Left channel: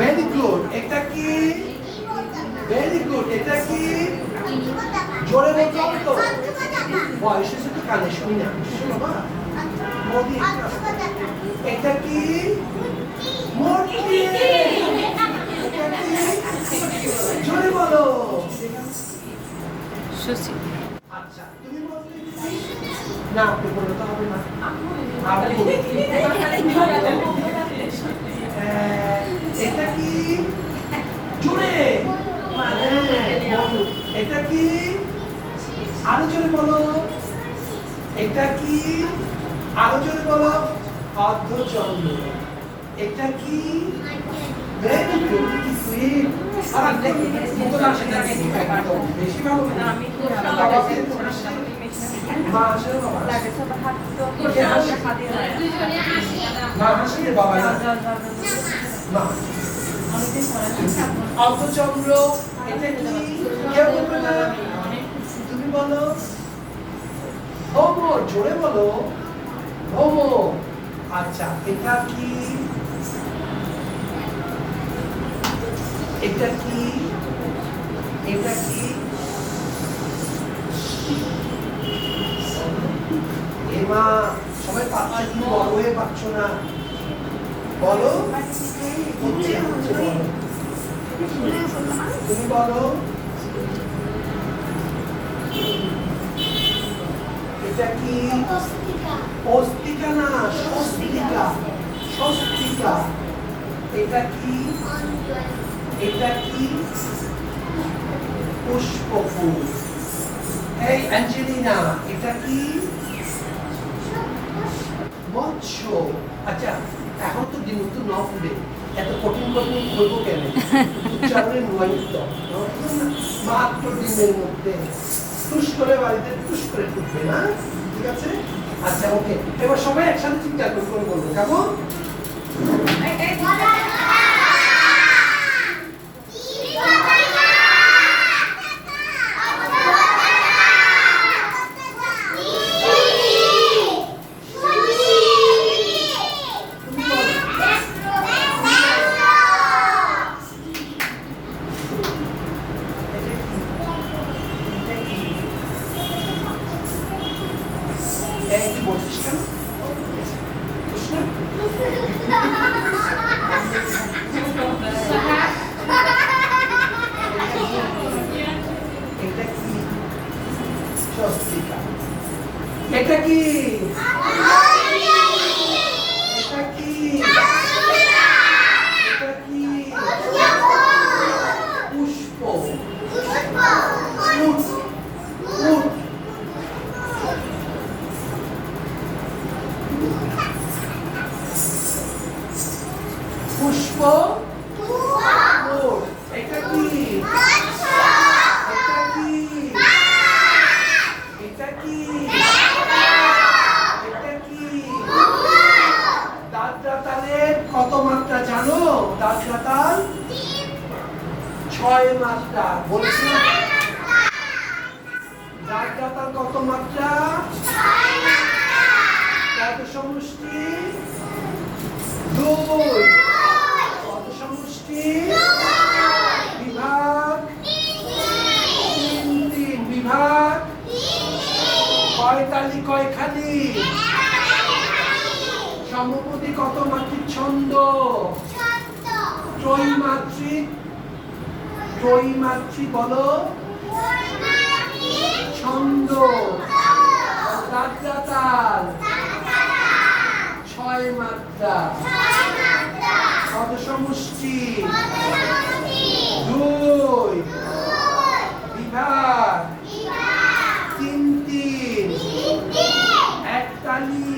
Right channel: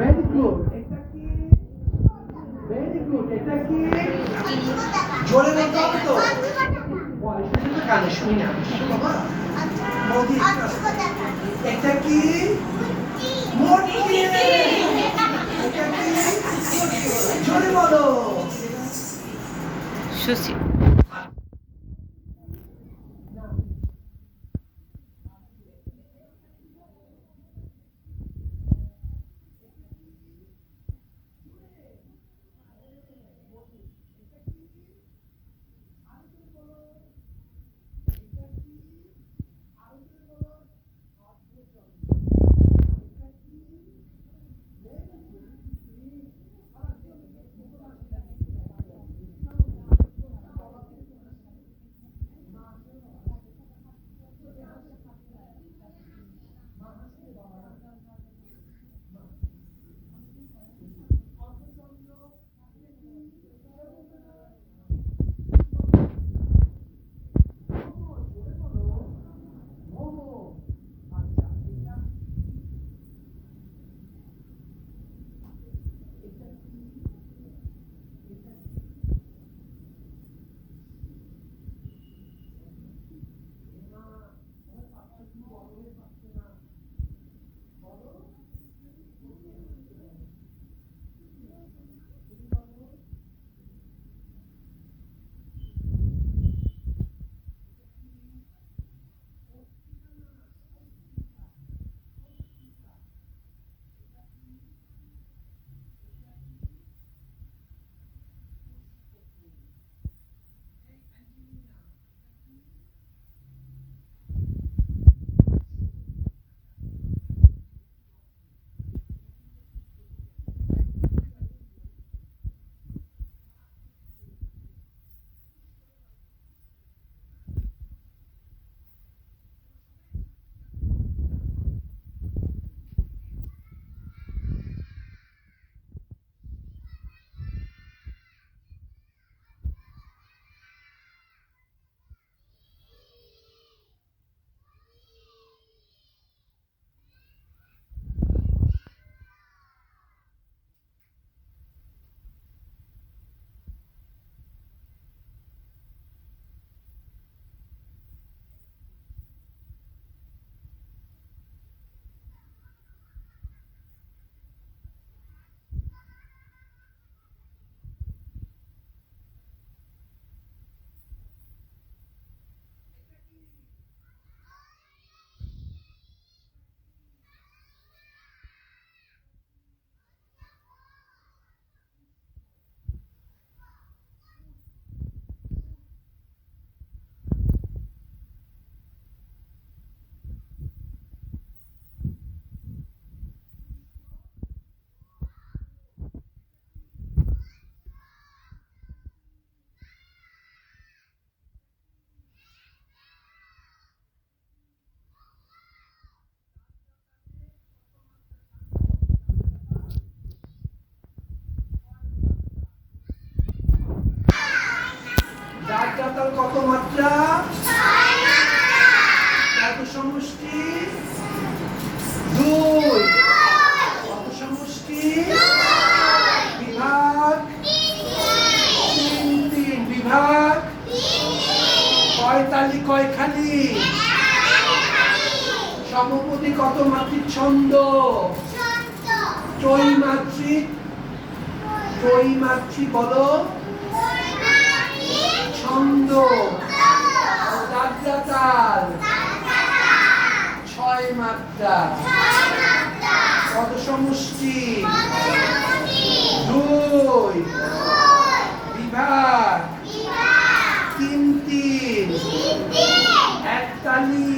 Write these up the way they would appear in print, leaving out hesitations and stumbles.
Very good. এটা কি? Very good. এটা কি? জোরে বলতে হবে তো। বয়স এসে তো কানে শুনি না। শোনো মা। মোদি এটা কি? মূর্তি। এটা কি? জোরে বলো। সুশি। আচ্ছা তুমি বলতে না, আপনি বলতে হবে না। এটা কি? জোরে। এটা কি? আরো জোরে বলো। এটা কি? আরো জোরে বলো। অর্ধচন্দ্র। এটা কি? Very good. কি সুইট। আর দেখি মুখটা সেটা কি একদম বেশি ভালো না। আমি তো বাবাকে মা আসলে বাবা লাগে সব হাত তো হাতে মা আসলে বাবা মা অর্ধচন্দ্র। এটা কি? কেউ বলবে না। তুমি বলো। হোমো। জোরে বলো। হোমো। আচ্ছা এটা কি? এটা কি? এটা কি? এমা সবাই পাচ্ছে, তুমি বড় হয়ে পাচ্ছ না। বলো। হচ্ছে হচ্ছে বলো। তুমি বলো। এটা কি? অস্তিকা না, স্বস্তিকা। স্বস্তিকা। এটা কি? এটা কি? পুষ্পফুল। এই অ্যাঞ্জেলিনা এটা কি? মৎস্য। আচ্ছা এখন তো দিন তো ন ফুলে এত কঠিন কঠিন করবো কেন? উচ্চারণের নয়িত মাত্র দিনের মধ্যে টুস করে বাড়িতে টুস করে ফুটবে না। ঠিক আছে? আচ্ছা ওকে, এবার সবাই একসাথে চিন্তা করে বলবো কেমন? এটা কি? এটা কি? এটা কি? পুষ্প। উট। উট। পুষ্প। উট। এটা কি? এটা কি? এটা কি? দাঁতরাতালের কত মাত্রা জানো? দাঁতরাতাল 6 মাত্রা। বলছি দাঁতরাতাল কত মাত্রা? 6 মাত্রা। কত সমষ্টি? 2। কত সমষ্টি? 2। বিভাগ 3 বিভাগ 3। কয় তালি কয় খালি? সমপদী কত মাত্রিক ছন্দ? ত্রৈমাত্রিক। ত্রৈমাত্রিক বলো। ছন্দ। দাঁতরাতাল 6 মাত্রা। কত সমষ্টি? 2। বিভাগ 3। এক তালি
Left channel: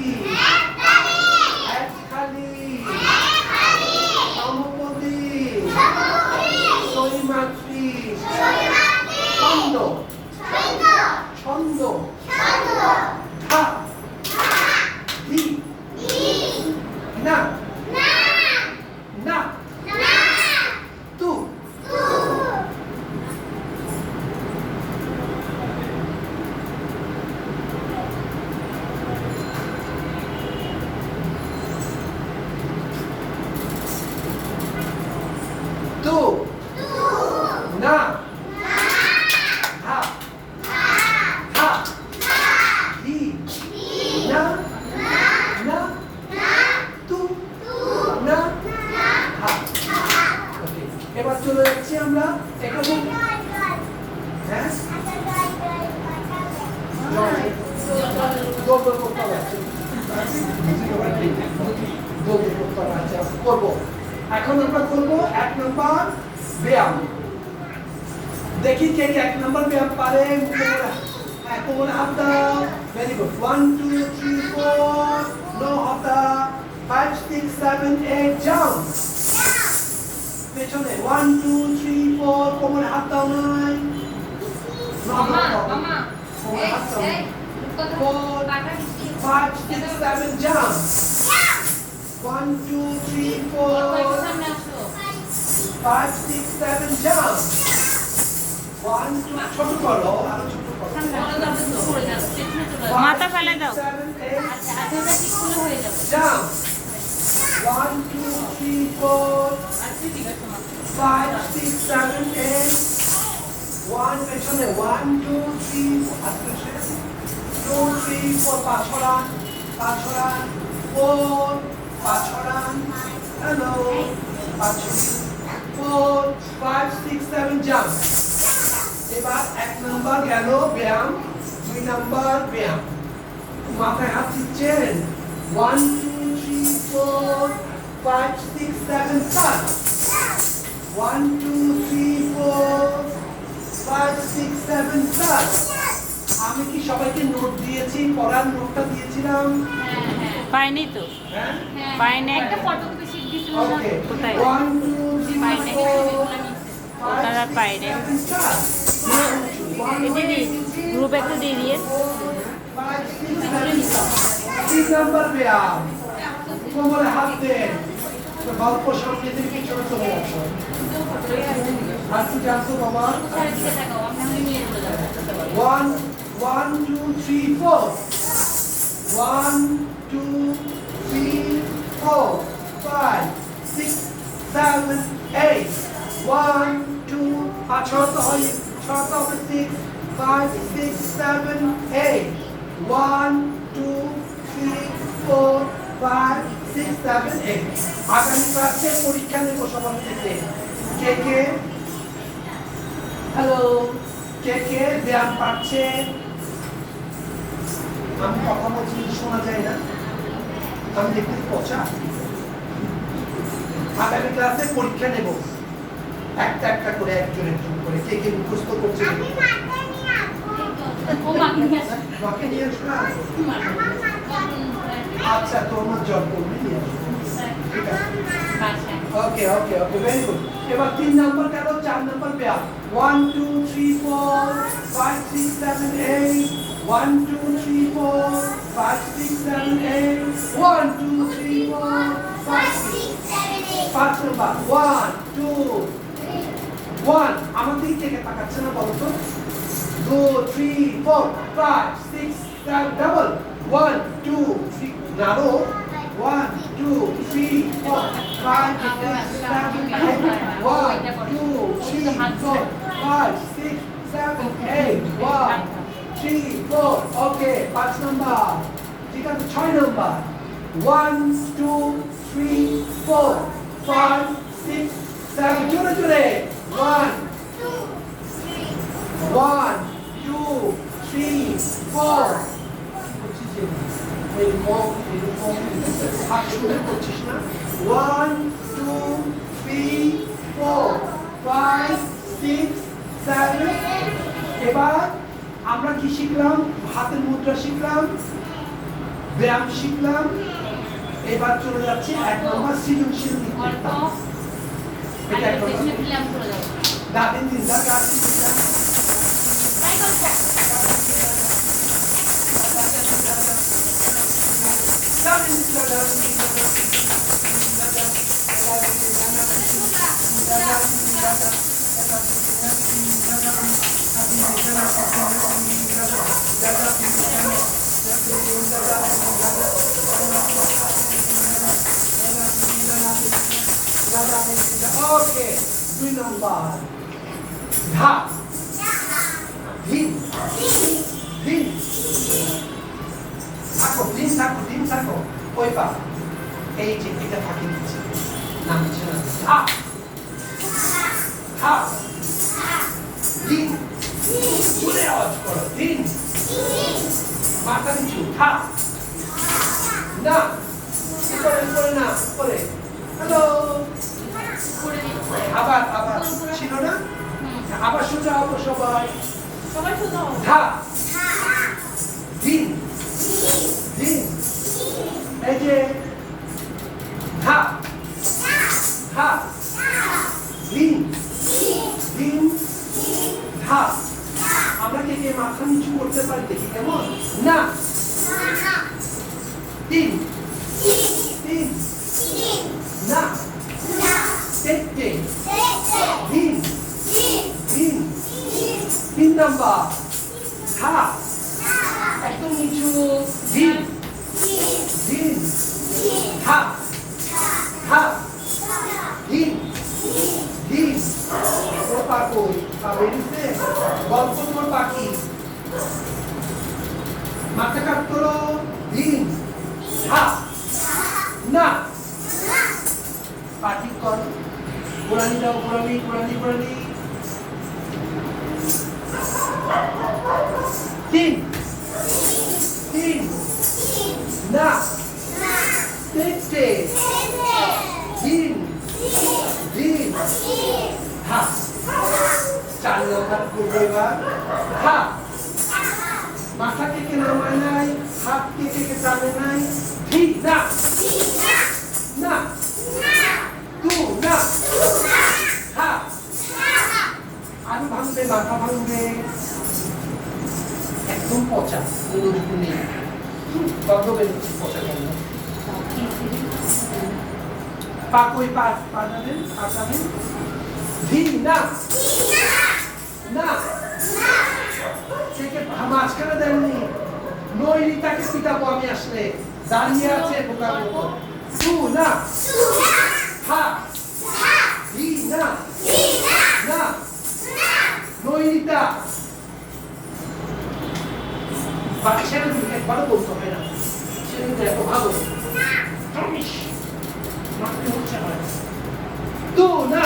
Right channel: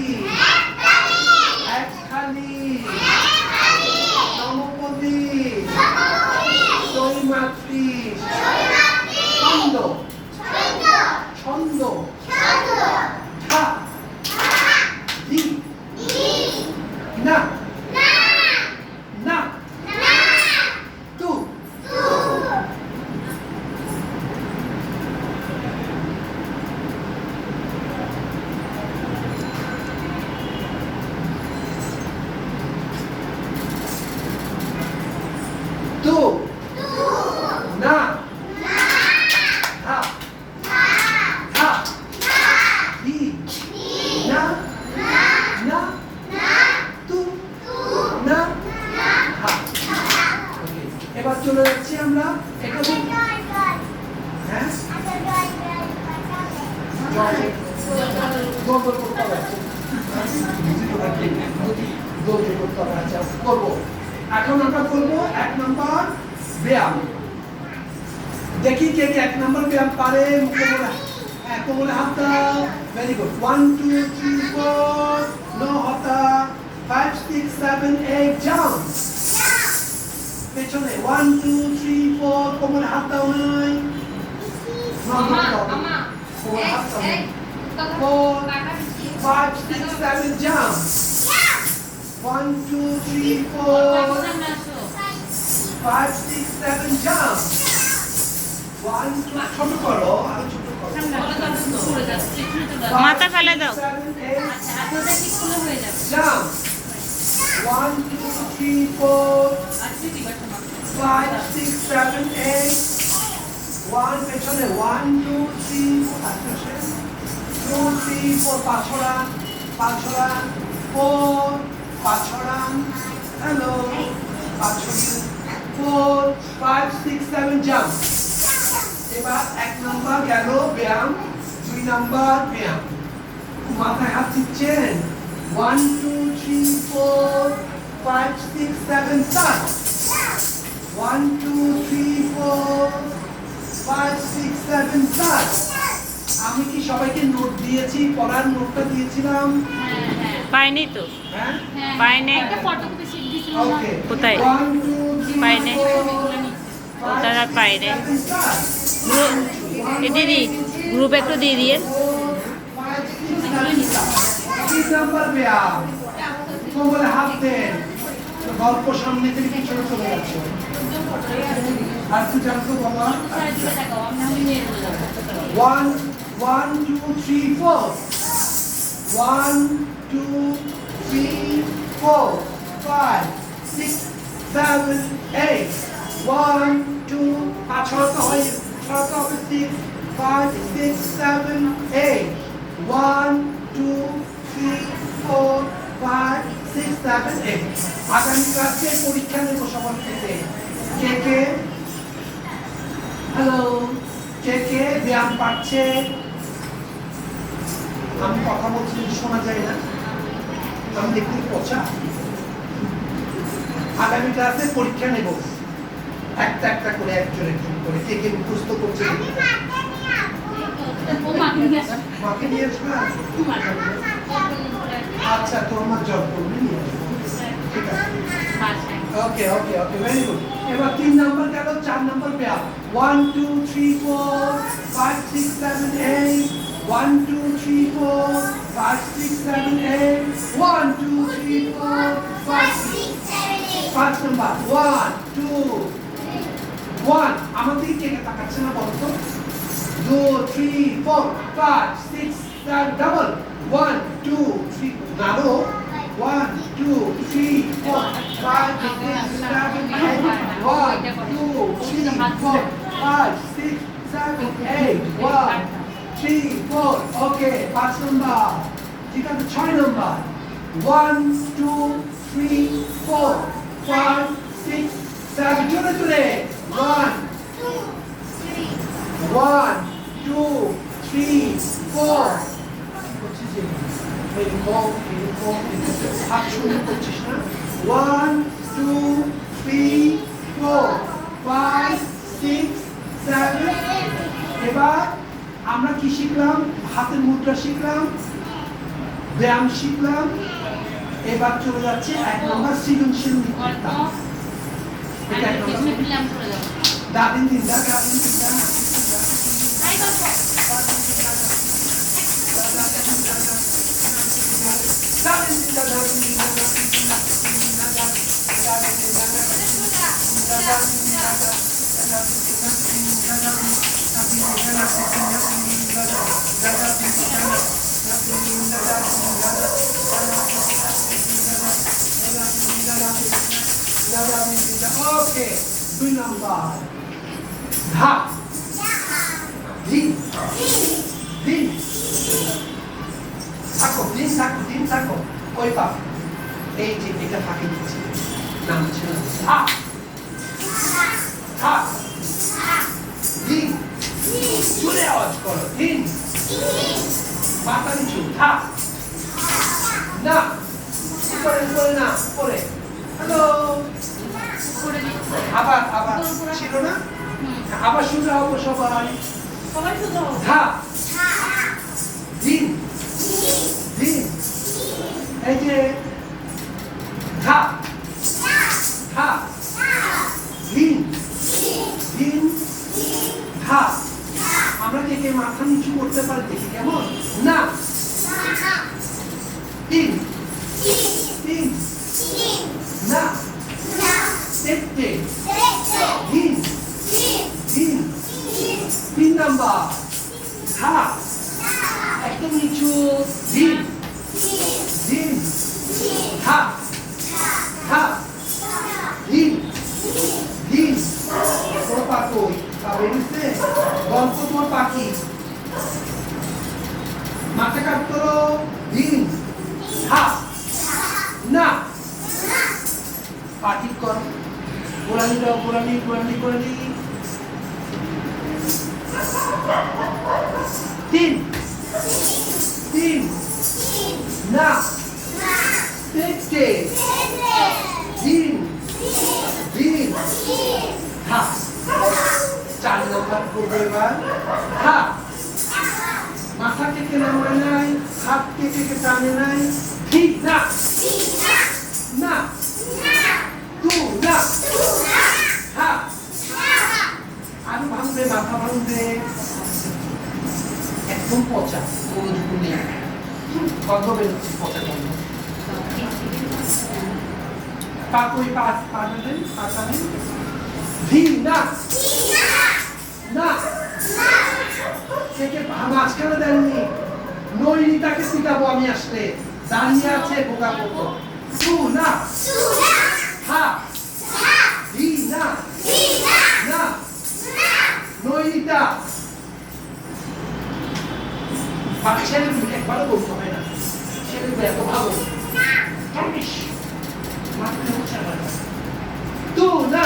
এক খালি সমপদী ত্রৈমাত্রিক ছন্দ। ছন্দ ধা ধি না না তু তু না হা হা হি না না তু না হা। ওকে, এবার চলে যাচ্ছি আমরা এখানে। হ্যাঁ দৌড় করতে হবে, দৌড় করতে হবে। আচ্ছা করবো, এখন আমরা করবো 1 নম্বর ব্যায়াম। দেখি কে কে 1 নম্বর ব্যায়াম পারে। কোমরে হাত দাও। Very good. 1 2 3 4 নো হাতা। 5 6 7 8 জাম্প। পেছনে 1 2 3 4 কোমরে হাত দাও নাই। মামা কোমরে হাত দাও। এই 4 5 6 7 জাম্প। 1 2 3 4 5 6 7 জাম্প। 1 2 ছোট করো, আরো ছোট করো। মাথা ফেলে দাও। 7 8 জাম্প। 1 2 3 4 5 6 7 8 1 পেছনে 1 2 3 2 3 4 5 ছড়ান 4 5 ছড়ান। হ্যালো 5 ছড়ান 4 5 6 7 জাম্প। এবার 1 নম্বর গেল ব্যায়াম। 2 নম্বর ব্যায়াম। মাথায় হাত দিচ্ছেন। 1 2 3 4 5 6 7 start। 1 2 3 4 5 6 7 start। আমি কি সবাইকে নোট দিয়েছি? পড়ার নোটটা দিয়েছিলাম? পাইনি তো, হ্যাঁ পাইনি। ওকে কোথায়? 1 2 3 পাইনি। 4 তারা পাইনি। 7 start। এ দিদি গ্রুপ একটু দিয়ে দিয়ে। 5 6 7 start। 3 নম্বর ব্যায়াম। কোমরে হাত দেন। গল্প সামনে থেকে পিছনে চলে যাচ্ছে। আর কি জানতো বাবা? 1 1 2 3 4 1 2 3 4 5 6 7 8 1 2 ছড়াতে হয়, ছড়াতে হবে 6 5 6 7 8 1 2 3 4 5 6 7 8। আগামী ক্লাসে পরীক্ষা নেব সবার থেকে। কে কে হ্যালো কে কে ব্যায়াম পাচ্ছে? আমি কথা বলছি শোনা যায় না, আমি দেখতে পচা। আগামী ক্লাসে পরীক্ষা নেব একটা একটা করে, একজন একজন করে। কে কে মুখস্থ করছে? মাকে নিয়ে আসবে। আচ্ছা তোমার জ্বর করবে, নিয়ে আসবো। ঠিক আছে, ওকে ওকে ওকে, ভেরি গুড। এবার 3 নম্বর গেল। 4 নম্বর ব্যায়াম। 1 2 3 4 5 6 7 8 1 2 3 4 5 6 7 8 1 2 3 4 5 5 নম্বর 1 2 1 আমার দিকে কে কে তাকাচ্ছে না বলো তো? 2 3 4 5 6 7 ডাবল 1 2 3 নাড়ো 1 2 3 4 5 6 7 8 1 2 3 4 5 6 7 8 1 3 4 ওকে 5 নাম্বার। ঠিক আছে, 6 নাম্বার 1 2 3 4 5 6 7 জোরে জোরে 1 1 2 3 4 1 2 3 4 5 6 7 এবার আমরা কি শিখলাম? হাতের মুদ্রা শিখলাম, ব্যায়াম শিখলাম। এবার চলে যাচ্ছে 1 নম্বর সৃজনশীল লিখতে। এটা 1 নম্বর দাদিন দিদা দাদিন দিদা ওকে 2 নাম্বার ধা দিন দিন থাকো ওই পা এই যে এটা ফাঁকি দিচ্ছে নাম ছিল ধা ধা দিন জুড়ে আওয়াজ করো দিন মাথা নিচু ধা না উপরে না উপরে হ্যালো আবার ছিল না আবার শুনতে হবে সবাই ধা দিন দিন এই যে ধা ধা দিন দিন ধা আমরা কে মাথা নিচু করতে পারি দেখি কেমন না দিন দিন না দেখতে দিন দিন 3 নাম্বার ধা একদম নিচু দিন দিন ধা ধা দিন দিন তোর পাকই পাবে নিতে গল্প তোমার পাখি মাথা কাট করো দিন ধা না পাটি কর পুরানি দাও পুরানি তিন তিন না দেখতে দিন দিন হা 4 নাম্বার করবে এবার হা মাথা থেকে নামায় নাই হাত থেকে টানে নাই ঠিক না না তু না হা আরো ভাঙবে মাথা ভাঙবে একদম পচা মনোযোগ নেই গন্ধ বেরোচ্ছে পচা গন্ধ পাকই পাটাবেন ধি না না থেকে মাঝখানে দেননি নৈনিতাকে পিটাবো আমি আসলে দাঁড়িয়ে আছে বোকা মতো তু না হা ধি না না নৈনিতা ছেলে দিকে একবারও বলতে হয় না ছেলে এত ভালো তু না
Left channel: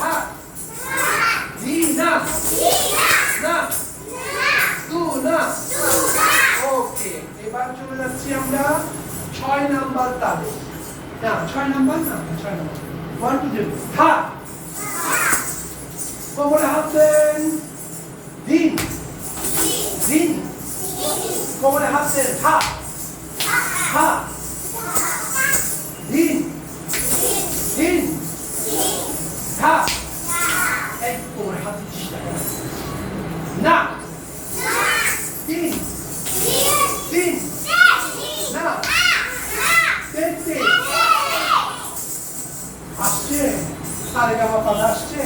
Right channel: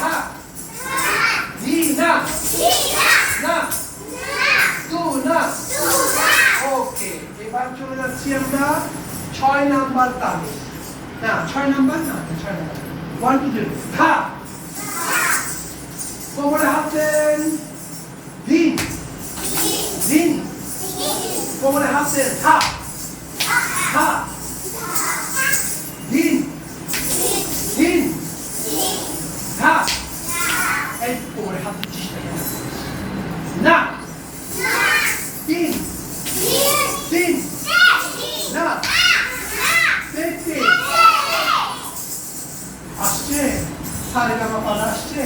হা ধি না না তু না ওকে এবার চলে যাচ্ছি আমরা 6 নাম্বার তালে না 6 নাম্বার 1 2 3 হা কোমরে হাত দেন দিন দিন কোমরে হাত দেন হা হা দিন দিন হা এই কোমরে হাত দিচ্ছিস না দিন দিন না দেখতে আসছে সারে গামা পাদা আসছে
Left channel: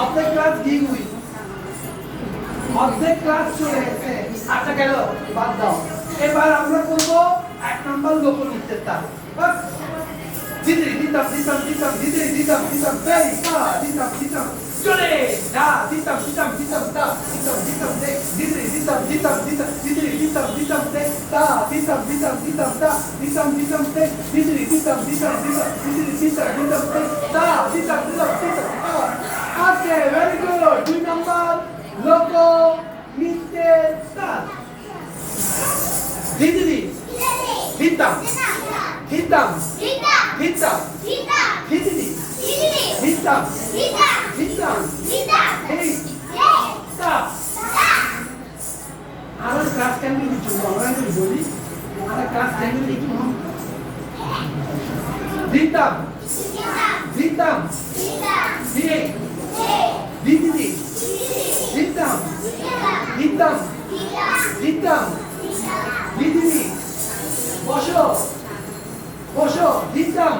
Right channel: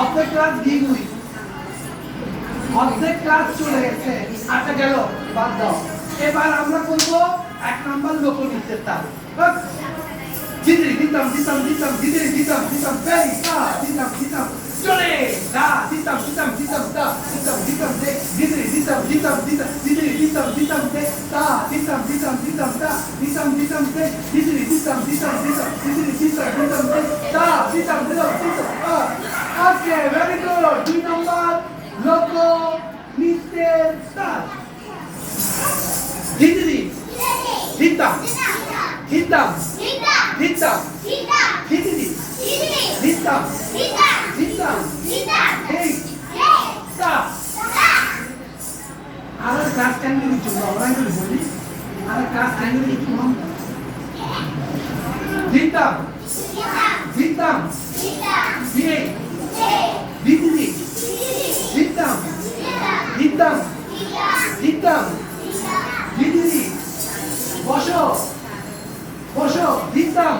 অর্ধেক ক্লাস দ্বিগুই অর্ধেক ক্লাস চলে গেছে আচ্ছা গেল বাদ দাও এবার আমরা করবো 1 নাম্বার লোকনৃত্যের তাল দিদি দিতাম বেই কা দিতাম চলে দা দিতাম দা দিতাম দে দিদি দিতাম দে দা দিতাম দে দিদি দিতাম দে দা দিতাম ওকে ভেরি গুড 2 নাম্বার লোক নৃত্যের তাল দিদি দিতাম দিতাম দিদি দিতাম এই তা আর ক্লাস 10 মিনিট আমরা বলি আর ক্লাস 10 মিনিট কম দিতাম দিয়ে দিদি দিতাম দিদি বসো দিতাম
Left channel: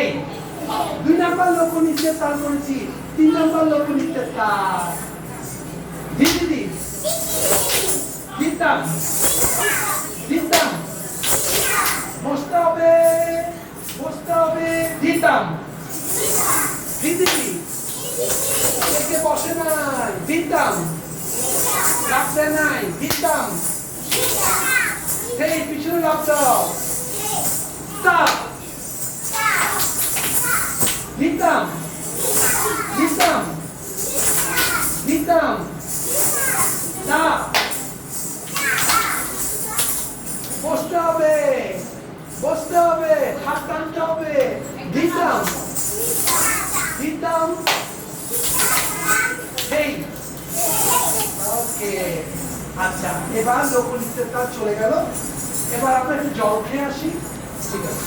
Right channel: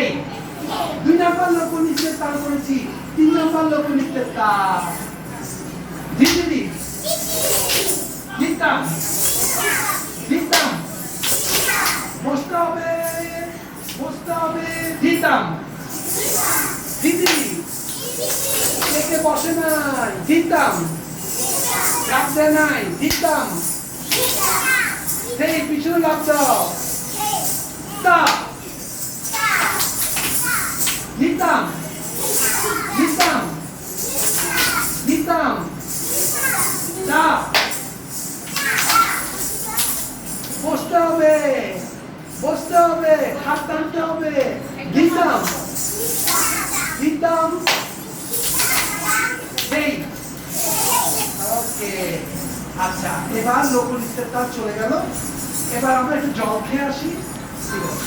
এই 2 নাম্বার লোক নিচের তার করেছি 3 নাম্বার লোক নিচের তার দিদি দিতাম দিতাম বসতে হবে দিতাম দিদি কে বসে নাই দিতাম লাগতে নাই দিতাম সেই পিছনে লাভ দাও stop দিতাম দিতাম দিতাম stop বসতে হবে হাত টানতে হবে দিতাম দিতাম সেই ওকে আচ্ছা এবার লোকনৃত্যের কাজ চলে গেল এবার আমরা একটু জল খেয়ে আসি ঠিক আছে